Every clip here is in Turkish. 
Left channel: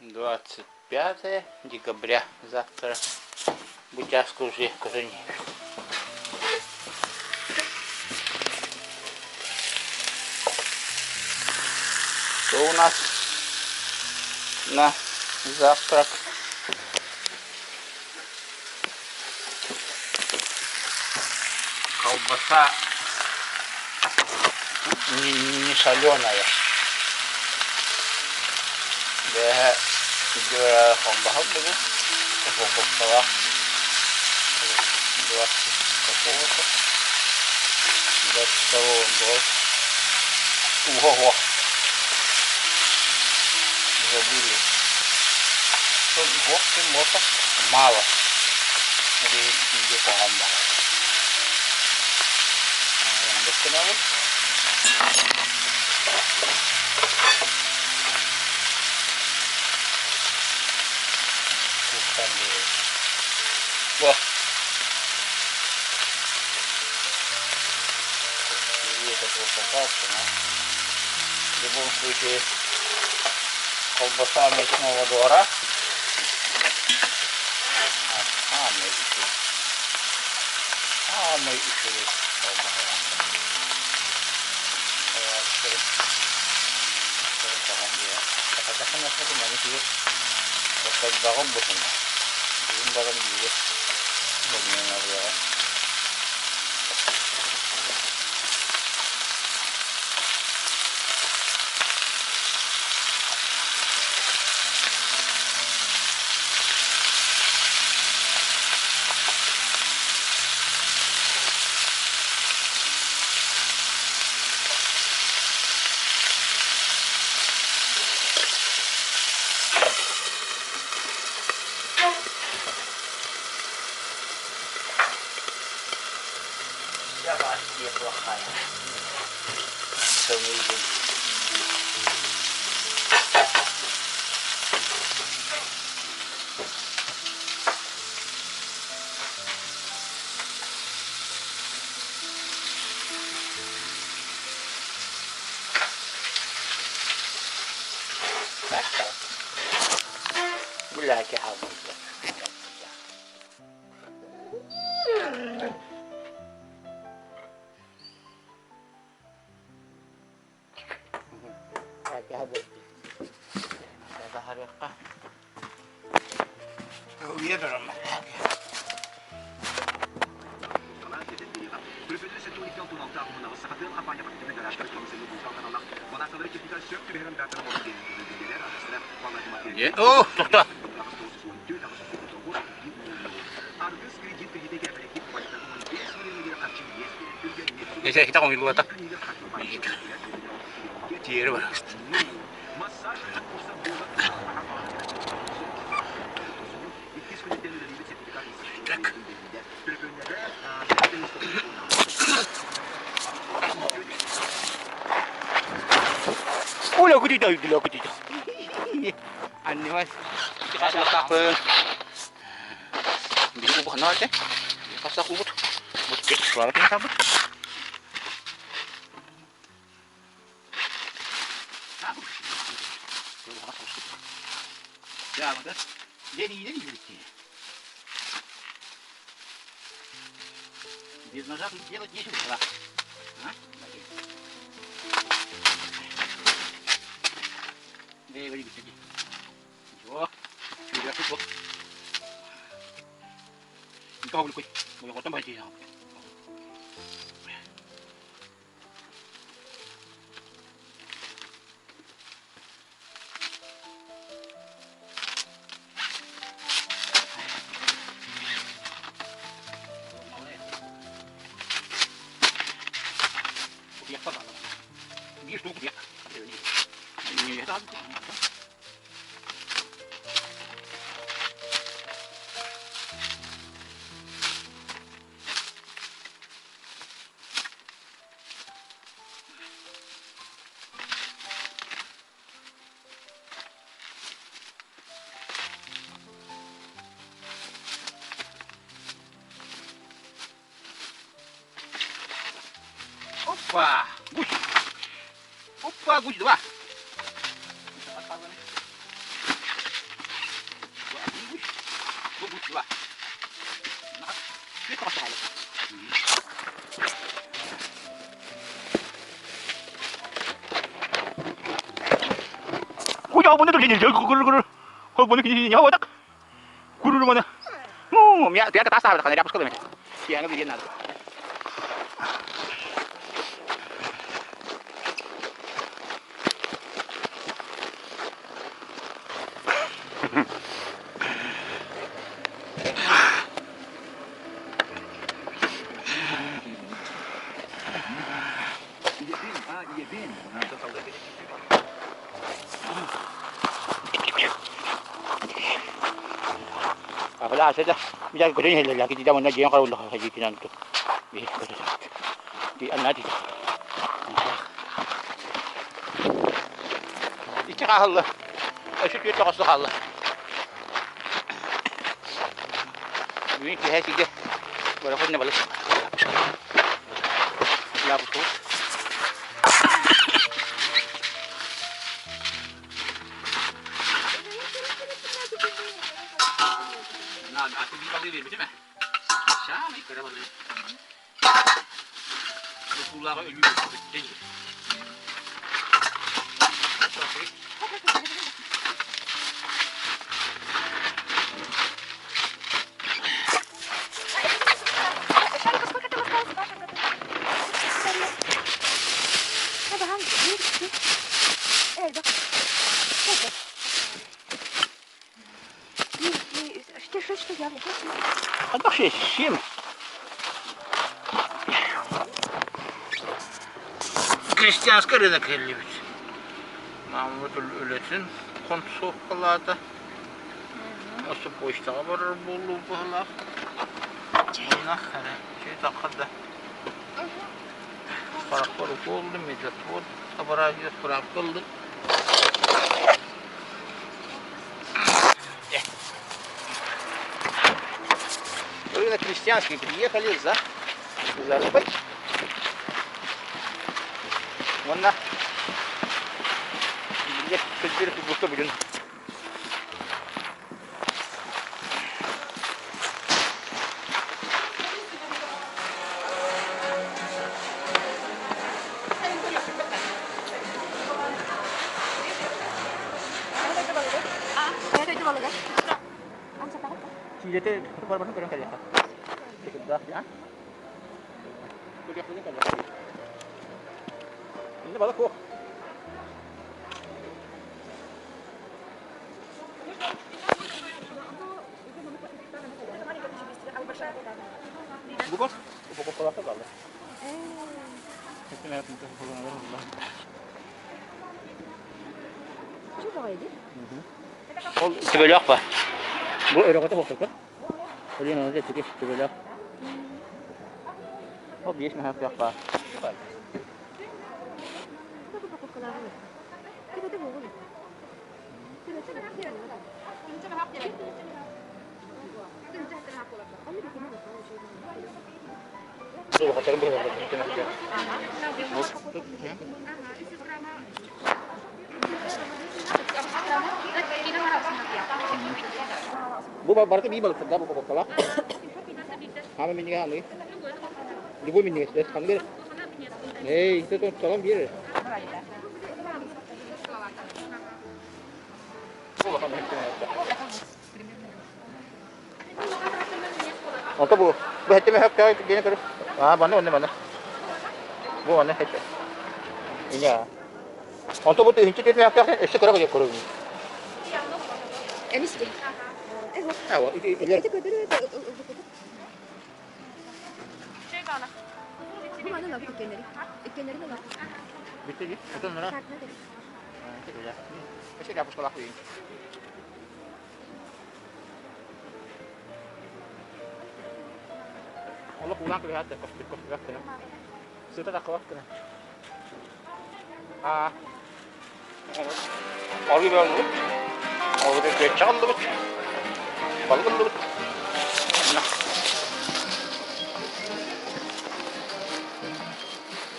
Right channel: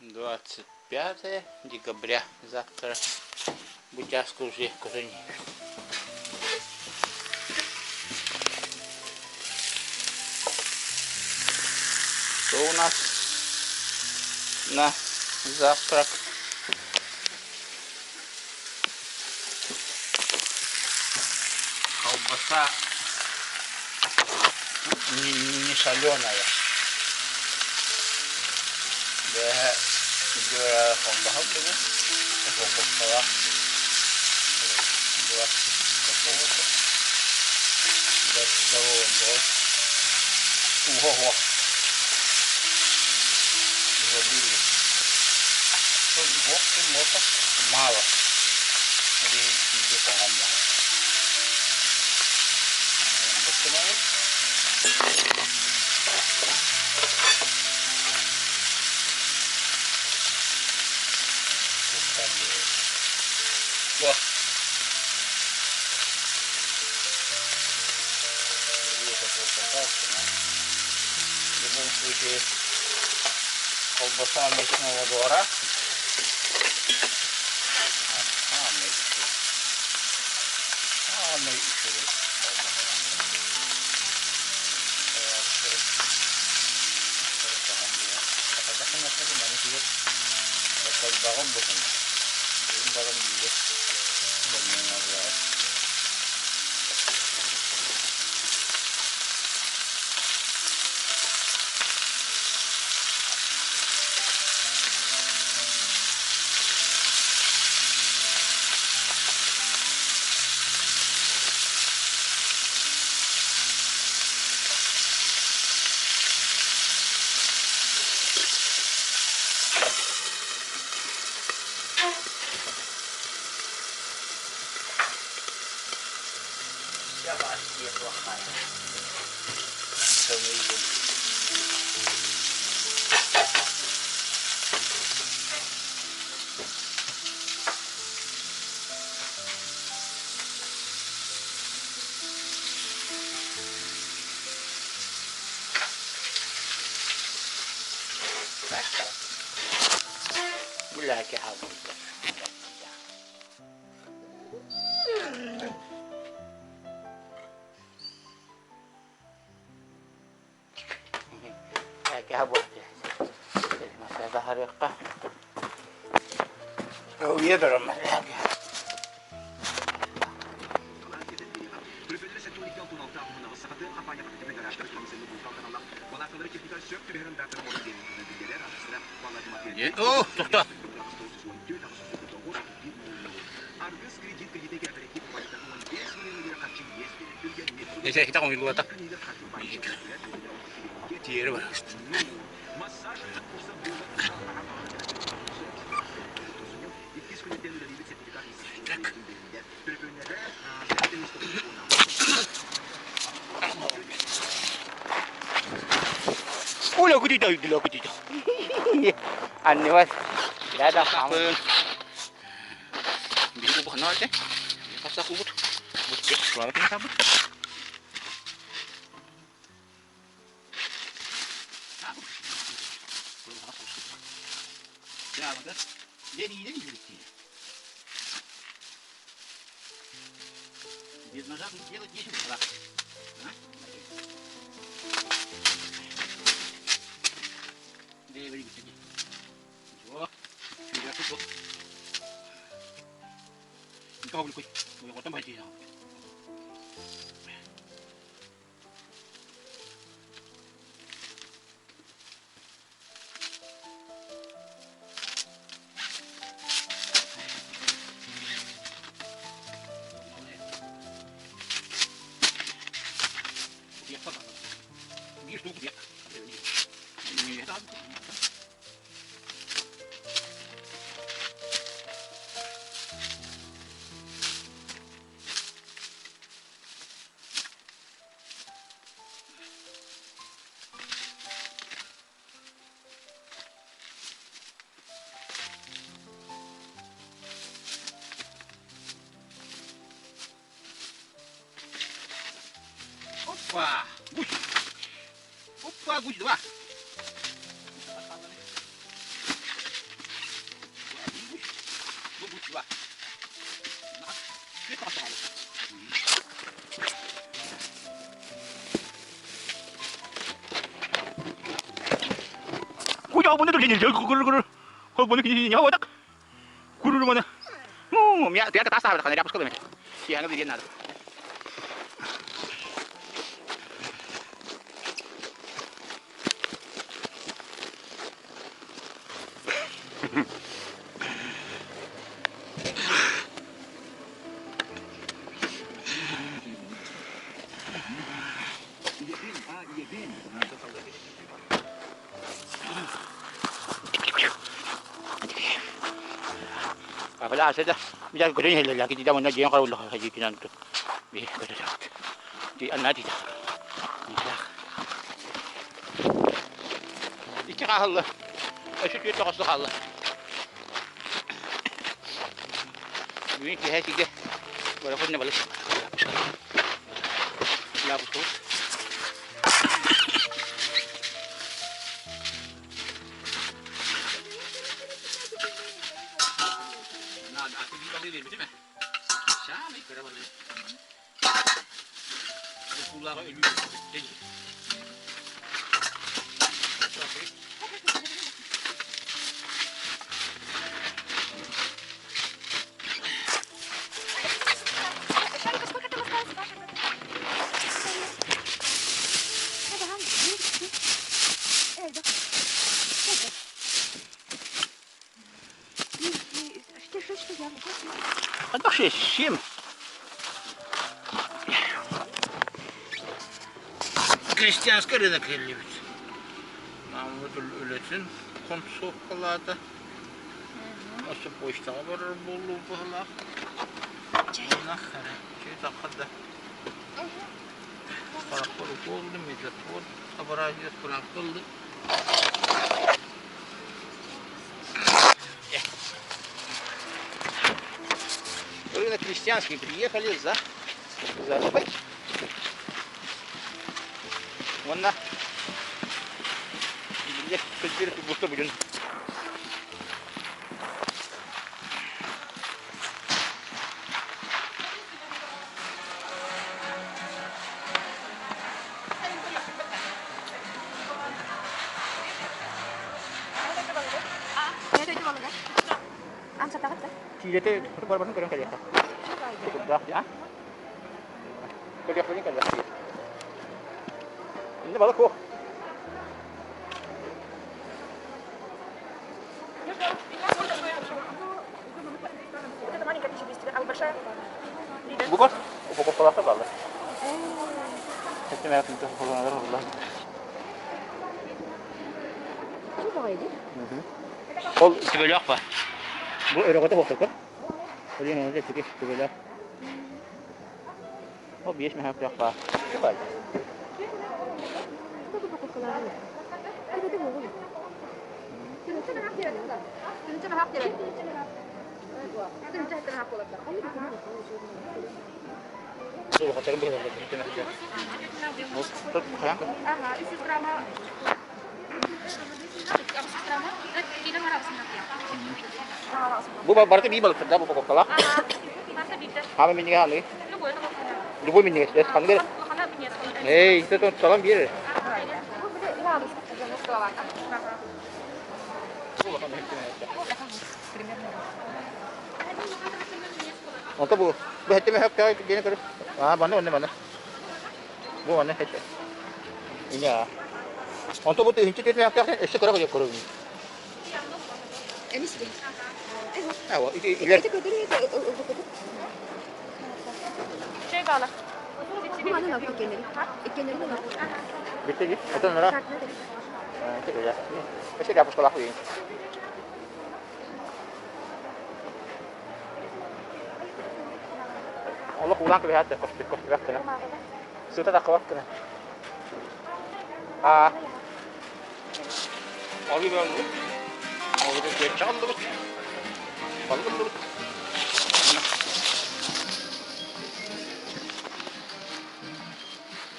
25 декабря. Завтра Бутявск уже Казани. Что у нас на завтрак? Колбаса не соленая. Да, juga kombahan dulu, pokok salah, 20 pokok, 20 terus, wah, забыли, waktu motor malah, jadi dia kombahan, yang betul apa? Wah, ini satu kolbasa, di bawah suci kolbasa mesmo dora, ame itu kolbasa, tahan dia, katakan apa pun ini sih, terkait barang bukan, ini barang dia. Benar-benar dia plakkan kemudian gula ke habis habis masalah harga oh iya dalam masalah oh tak ya kita ngomong dulu tak dia bagus. Oh, aku tidak. Aneh mas. Ada apa? Di ubah nanti. Pas aku ubah. Cek suara kita apa? Ya, betul. Jadi. Без ножа тут делать нечего. Говори быстрее. Ничего. Tidak cukup. Kau boleh kau. Boleh kau tambah dia. Dia tu dia. Ini dah. Opa, guji dua. bunu dur gini gurur bunu gini ya wadak gurur mana ya dia ke tas kan dia hapus kalau macam siang dia nado Wala saja. Bisa ko din lagi tidak mo na diyan karon lah haji kinan to. Bi ko sa. Di ana di. İki kahalla. Eşit bir takası kahalla. Büyük bir hekige. Böyle kodne balık. Ya bu tut. Balik macam mana? Siapa ni kerana balik? Pulang ke ibu jadi. Ada şey şim. Hristiyanska rınak elliyiz. Mahmut Ület'in kontu sokalarda. Nasıl boşta var bolu bala. Oynak hele. Şey takada. Parakor oldu mecbur. Bu abarajı bırakıldı. Рынок крестьянский, приехали за рыбой. Вон на. Здесь теперь тут что будем. Jadi itu baru-baru kurang kali ya. Cukup dah ya. Kerja kali ya. Ini baru kok. Bukan? Bukan pola apa lah. Itu memang itu pola Allah. Coba aja. Ol sebelah apa? Bu öyle baktık kan? Öyle ne olacak ki? Böyle. O bir mi hafif yapar? Süper. Bu hotelin bir yerde. Tut ya. Bu berarti bibal kerja bu pokok kelak. Kami minyak ni. Dua minyak sudah sambil. Hey, itu tu salam biar. Untuk bu hati mehak kau gini terus. Mana. Bu mana hati. Ini ya. Untuk bu tu hinci tu mehak kau esok kerja kau kerja. Enis deh. Awa, itu götürüyor da şey bağla. Bu bana ne yapıyor ikenleri de var. Bitti ki. Atın nara. Itu ya. Mesti dapur sekolah ini. Allah pulang kelihatan kos kena. Sudah tak kuat kena. Abi ben bu. Orada geç çaldı bu. Balık. Nah.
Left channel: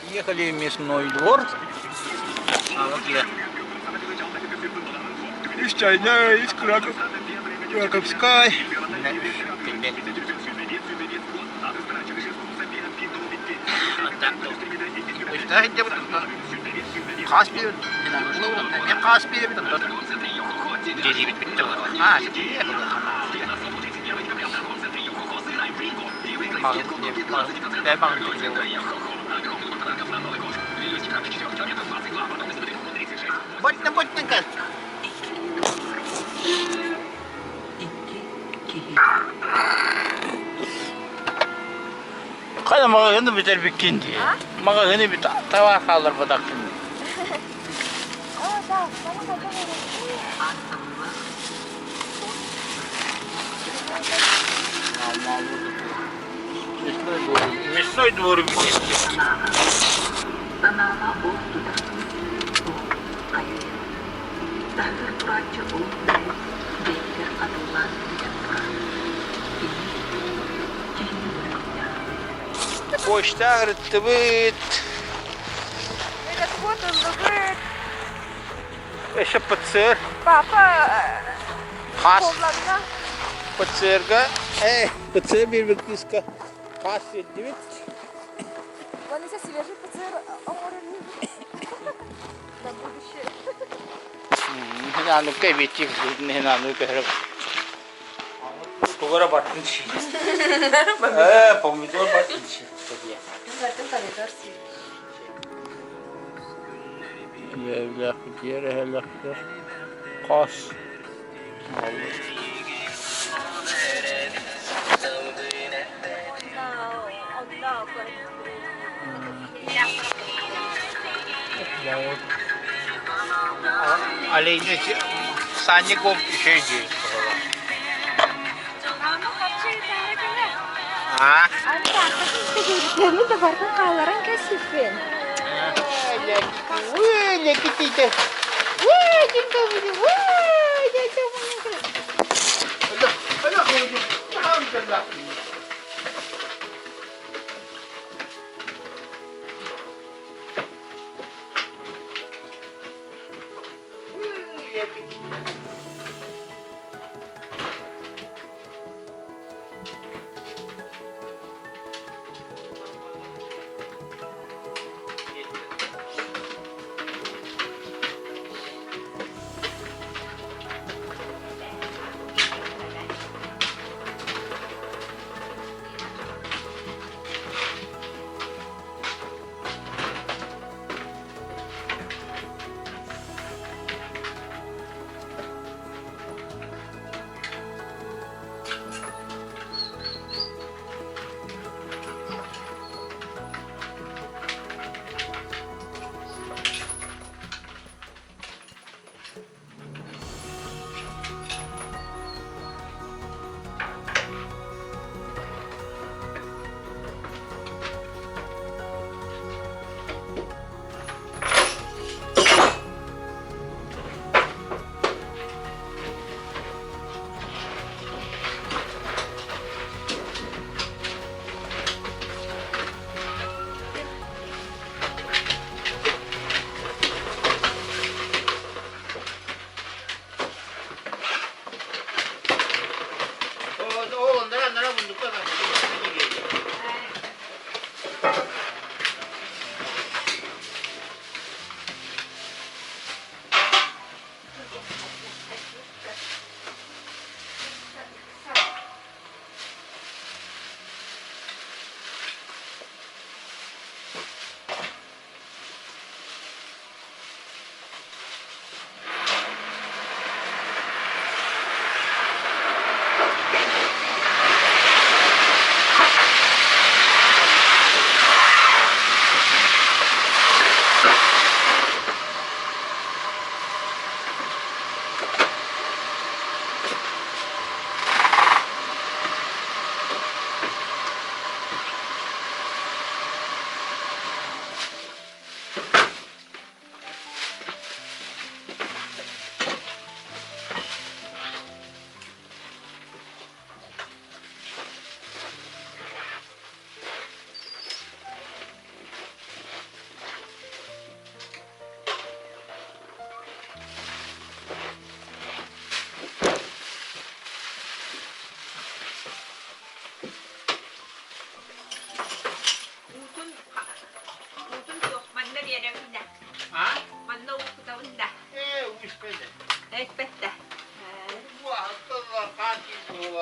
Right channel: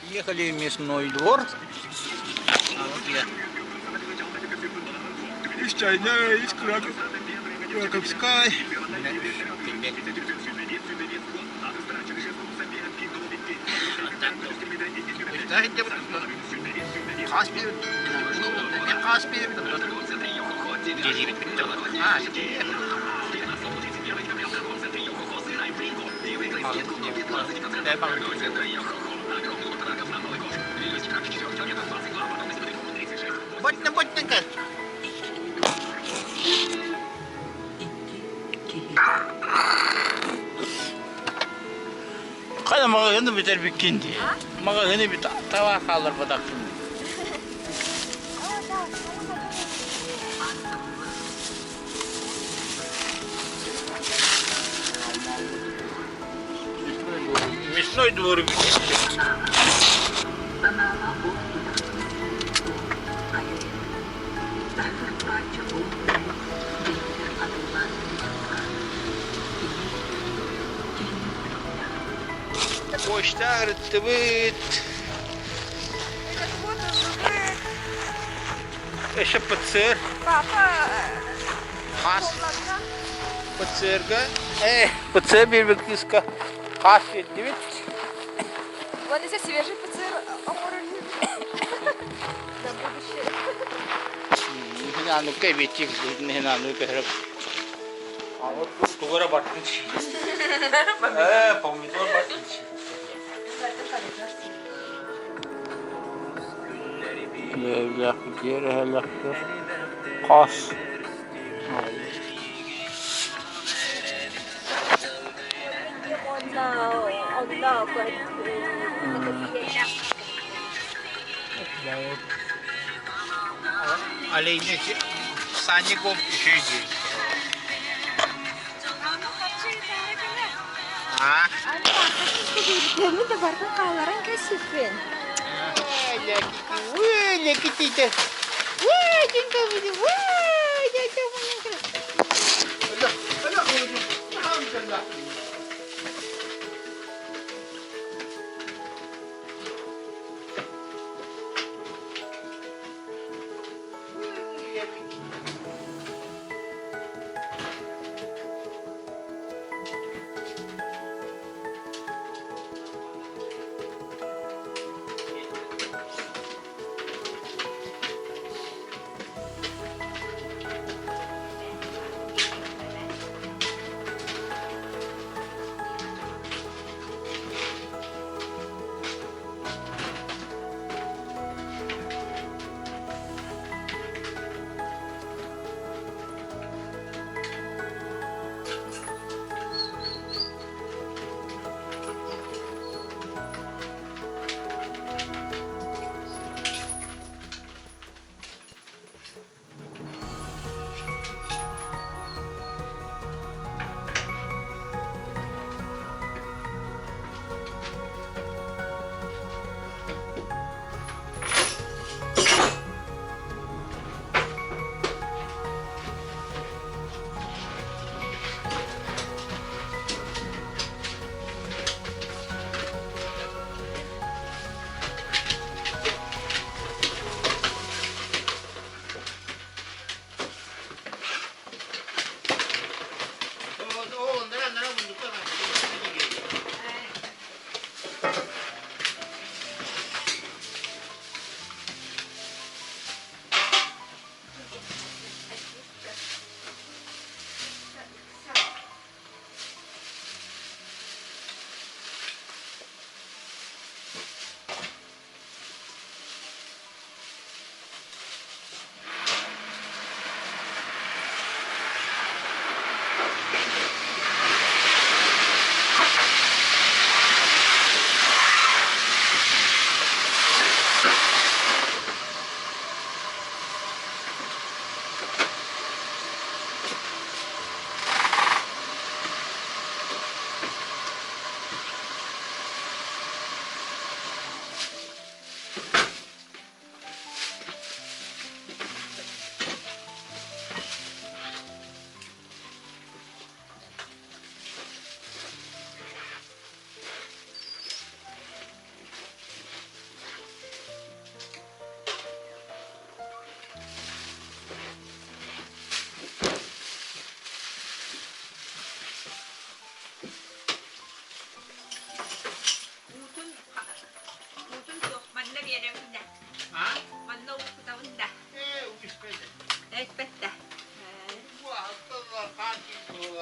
Приехали в мясной двор. Вот я. Из чайня, из Краковской. İşte hadi bu. Kaspir. Ne kaspir bir de. Gece bitti mi? Ha, şimdi 내 방은 bıttın kız. Kaya maga hindi biter bikindi. Maga hindi biter tawa kalır badak şimdi. Весной дворы вместе. Почта ртбит. Eşe pıtsır. Has. Pıtsırga. Pıtsır bir bekliska. Has yedivit. Вон здесь свежий ПЦР оморали на будущее. Hinanu kaybedecek. Hinanu kahrap. Kugara batın çiğ. Pomidor batın çiğ. Evlak diğer evlaktır. Kas. Aleyhine sahne kop şey diyor. Ha? Ini de barka kawaran kasifin. Wih, kita. Wah, cinta video. Wah, jatuh punya. Alhamdulillah.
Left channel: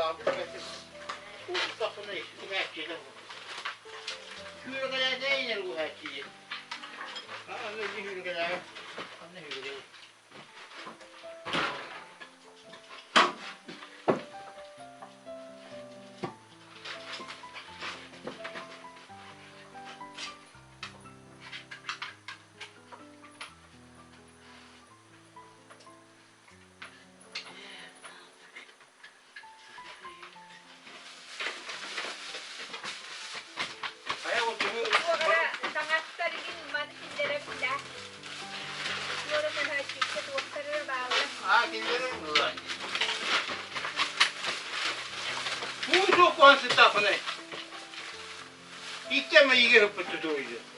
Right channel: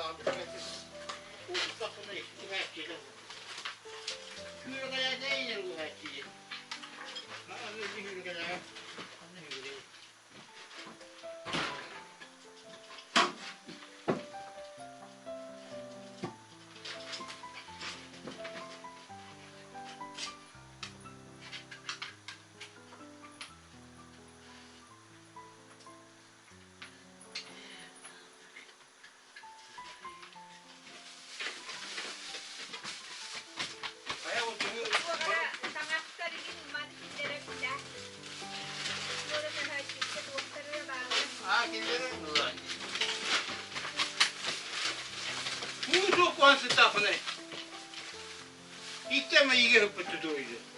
aldım. Uçtasını ekşi merkezi bu. Hürgele ne iner bu her şeyi? Ha, ne hürgele? Ne hürgele? 무조건 쓰다 보네. 이때만 이게 흩어져 도이죠.